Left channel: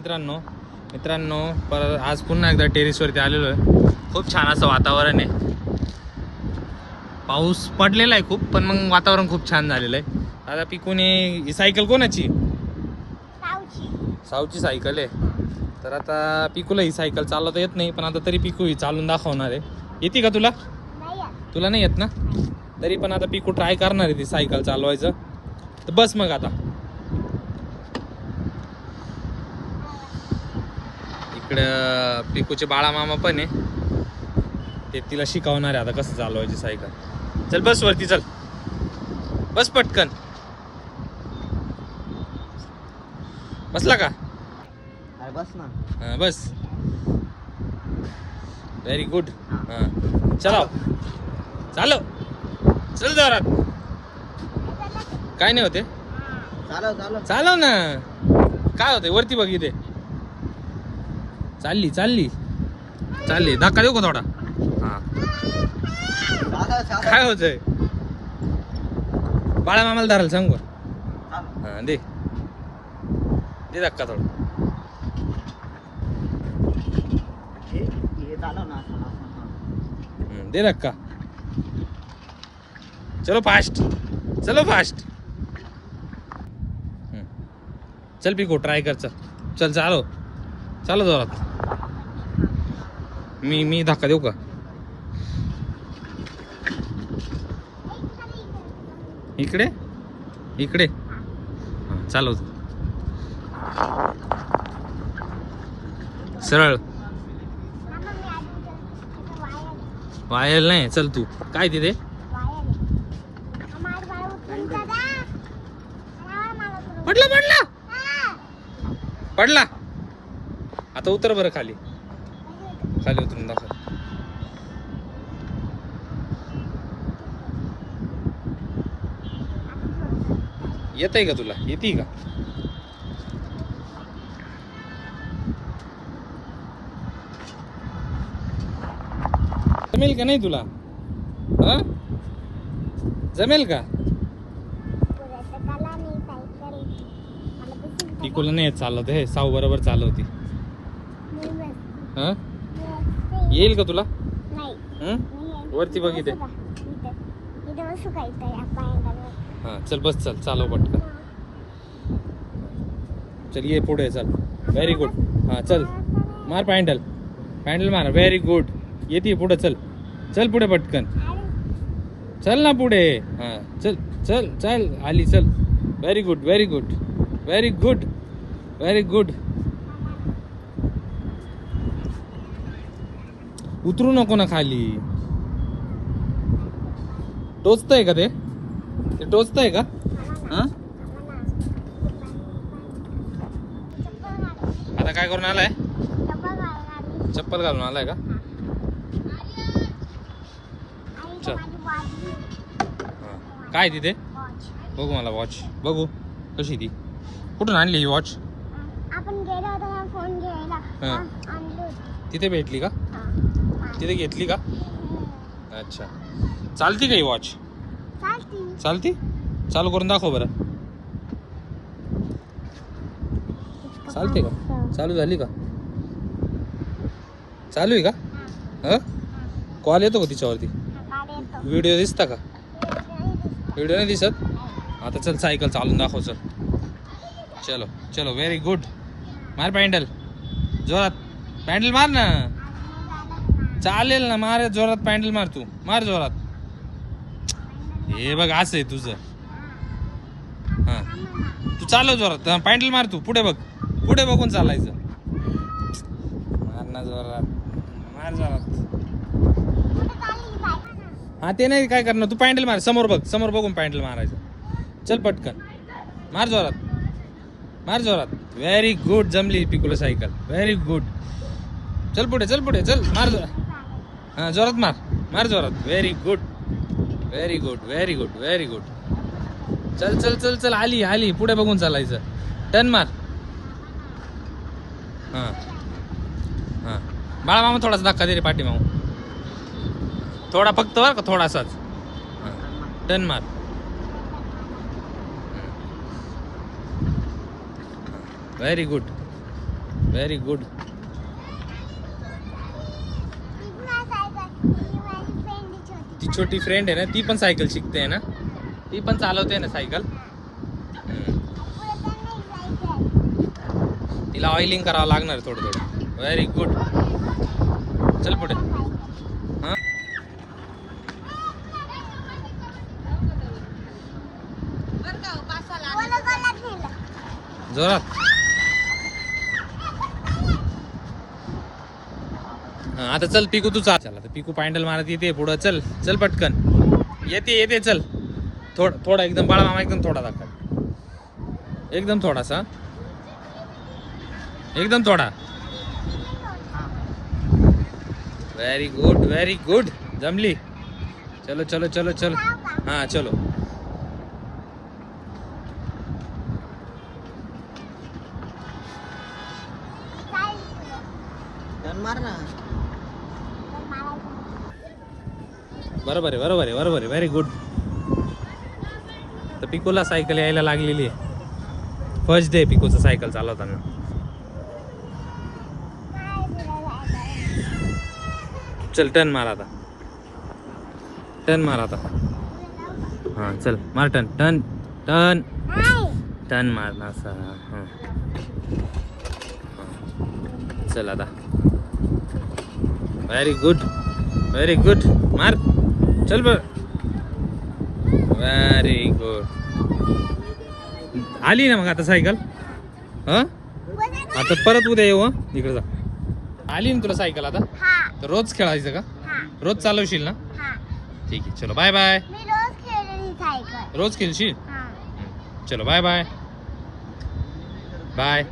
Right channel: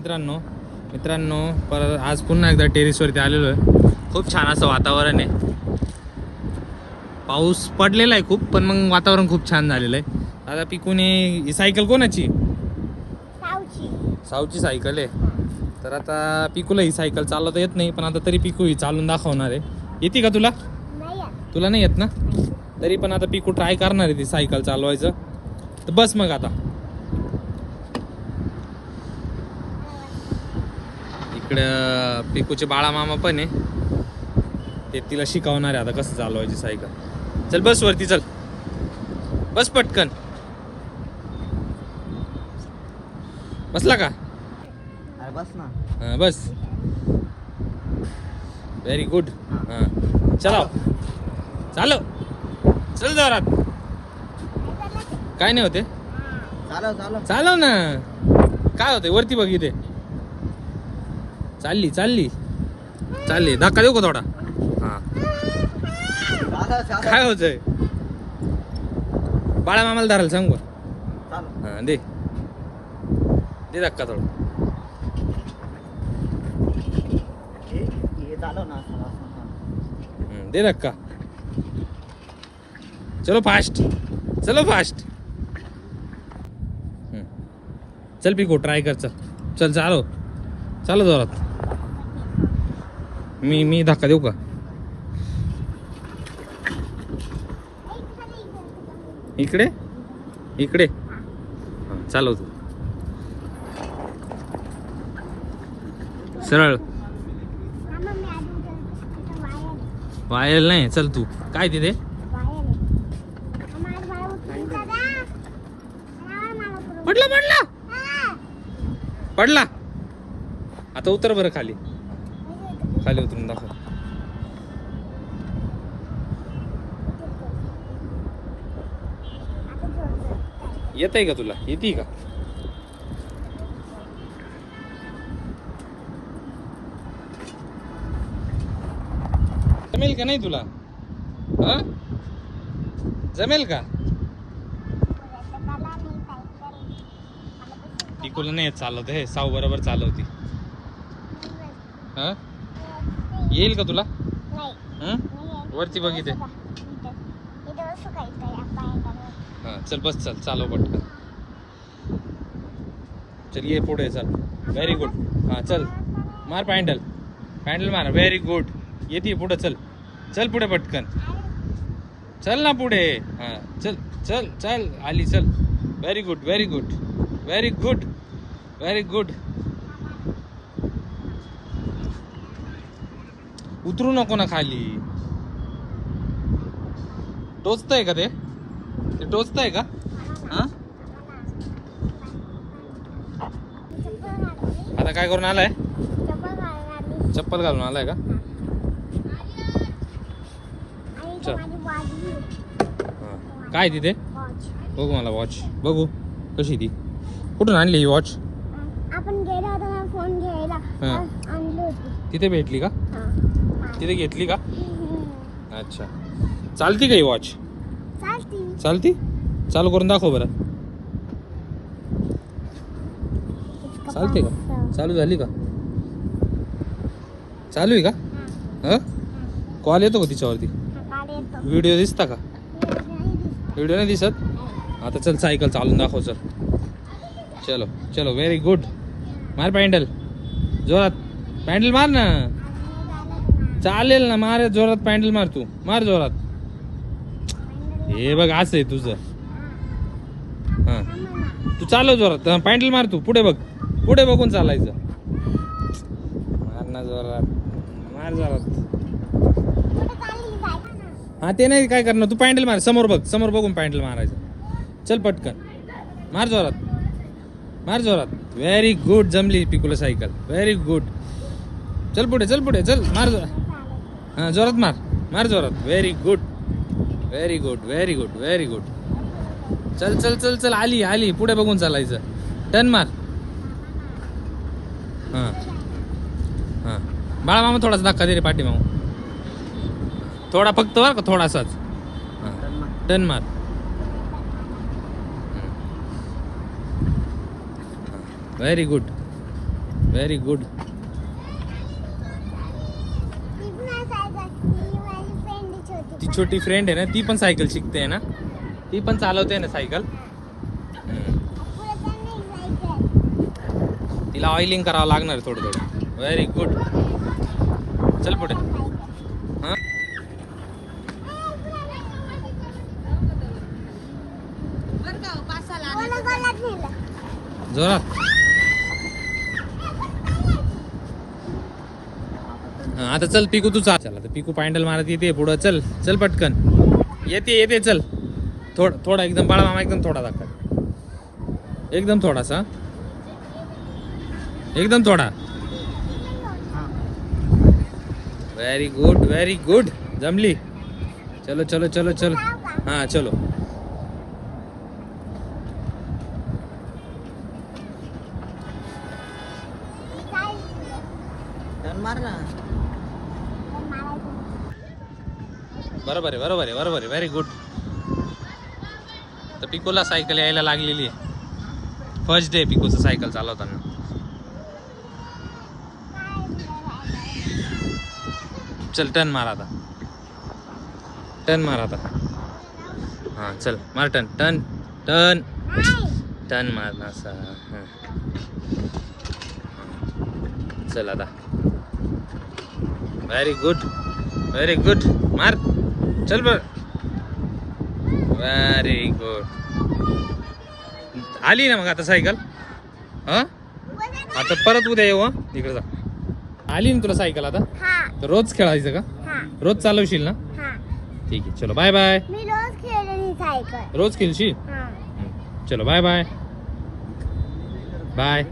मित्रांनो मित्रांनो पर आज पुन्हा एकदा टेरिसवरती आलेलो आहे. खूप छान असं वातावरण आहे. पाऊस पडलेला आहे खूप पण मग वातावरण खूप छान झालेलं आहे. आता पिकूने ही सायकल कोणाची? सावची. सायकल आहे. तर आता पिकूला ही सायकल चालवता येत नाही पण आता तरी पिकू ही चालून दाखवणार आहे. येते का तुला? तुला नाही येत ना? तरी पण आता पिकू ट्राय करणार आहे ती सायकल चालवायचं. तर बस मग आता. इकडं पिकूचे बाळा मामा पण आहे. ते तिला शिकवणार आहे आता कसं चालवायची सायकल. चल बस वरती चल. बस पटकन. बसला का? हा, बस. व्हेरी गुड हा. चला. चालो चल जोरात. काय नाही होते? चालव ना. काय होते वरती बघ इथे. चालली चालली. चालली. धक्का देऊ का थोडा? हा. काय होतंय? बाळा मामाला धरायला सांगू हा दे. दे धक्का थोडा. दे धक्का. चलो फास्ट चलो फास्ट. चल पिको ट्राय कर चल. चल चालो. चालो जोरात. मी मी धक्का देऊ का? इकडे? इकडे? हा, चालव तू. सरळ. वायल नाही चल तू. काय तिथे? पडला पडला. पडला. आता उतर बरं खाली. खाली उतरून दाखव. येत आहे का तुला? येते का? जमेल का नाही तुला? हा? जमेल का? पिकोला नाही येत चालवते हे साऊ बरोबर चालवते. हा? येईल का तुला? वरती बघ इथे. हा चल बस चल. चालव पटकन. चल ये पुढे चल. व्हेरी गुड हा चल. मार पॅन्डल. पॅन्डल मार. व्हेरी गुड येते पुढे चल. चल पुढे पटकन. चल ना पुढे. हा चल चल चल. आली चल. Very good very good very good very good उतरू नको ना खाली. टोचतंय का ते? ते टोचतंय का? हा? आता काय करून आलाय? चप्पल घालून आलाय का? हा. काय तिथे? बघू मला वॉच बघू. कशी ती? कुठून आणली ही वॉच आपण फोन घ्यायला. हा. तिथे भेटली का? हा. तिथे घेतली का? हम्म. अच्छा. चालती का ही वॉच चालती. चालू करून दाखव बरं. चालते का? चालू झाली का? चालू आहे का? ह? कॉल येतो का तिच्यावरती? हा. व्हिडिओ दिसता का? व्हिडिओ नाही दिसत? आता चल सायकल चालून दाखव चल. चलो चलो व्हेरी गुड मार पॅन्डल. जोरात. पॅन्डल मार ना. चालेल ना मार जोरात पॅन्डल मार तू. मार जोरात. हे बघ असं आहे तुझं. हा. तू चालव जोरात. पॅन्डल मार तू. पुढे बघ. पुढे बघून चालायचं. मार ना जोरात. मार जोरात. हा ते नाही काय करणार. तू पॅन्डल मार. समोर बघ. समोर बघून पॅन्डल मारायचं. चल पटकन. मार जोरात. मार जोरात. व्हेरी गुड जमली पिकुल सायकल. व्हेरी गुड चल पुढे चल पुढे. चल मार जोरात. हां जोरात मार. मार जोरात. Very good very good very good very good चल चल चल चल. आली आली. पुढे बघून चालायचं. टन मार. हां. हां. बाळा मामा थोडासा धक्का दे रे पाठी मामा. थोडा फक्त बरं का थोडासाच. टन मार. व्हेरी गुड व्हेरी गुड ती नाही सायकल ही माझी फ्रेंडच होती ती छोटी फ्रेंड आहे ना ती पण सायकल शिकते ना. ती पण चालवते ना सायकल तिला ऑइलिंग करावं लागणार थोडं थोडं. व्हेरी गुड चल पुढे. जोरात हं, आता चल पिकू तू चाल चला आता पिकू पॅन्डल मारत येते पुढं चल चल पटकन. येते येते चल. थोड थोडा एकदम बाळा मामा एकदम थोडा दाखवा. एकदम थोडासा. एकदम थोडा. व्हेरी गुड व्हेरी गुड जमली. चलो चलो चलो चलो. हां चलो काय? तर मारायचं. बरोबर आहे बरोबर आहे बरोबर आहे. व्हेरी गुड तर पिकूला सायकल यायला लागलेली आहे. फर्स्ट डे पिकूचं सायकल चालवताना काय चल टन मार आता. टन मार आता. हां चल मार टन टन टन टन मार हां चल आता. व्हेरी गुड व्हेरी गुड मार. चल बर व्हेरी गुड आली ना मग आता सायकल? हां? आता परत उद्या येऊ हं? इकडे जा. आली ना तुला सायकल आता? हा. तर रोज खेळायचं का? हा. रोज चालवशील ना? हा. ठीक आहे चलो बाय बाय मी रोज खेळशील? हा. चलो बाय बाय बाय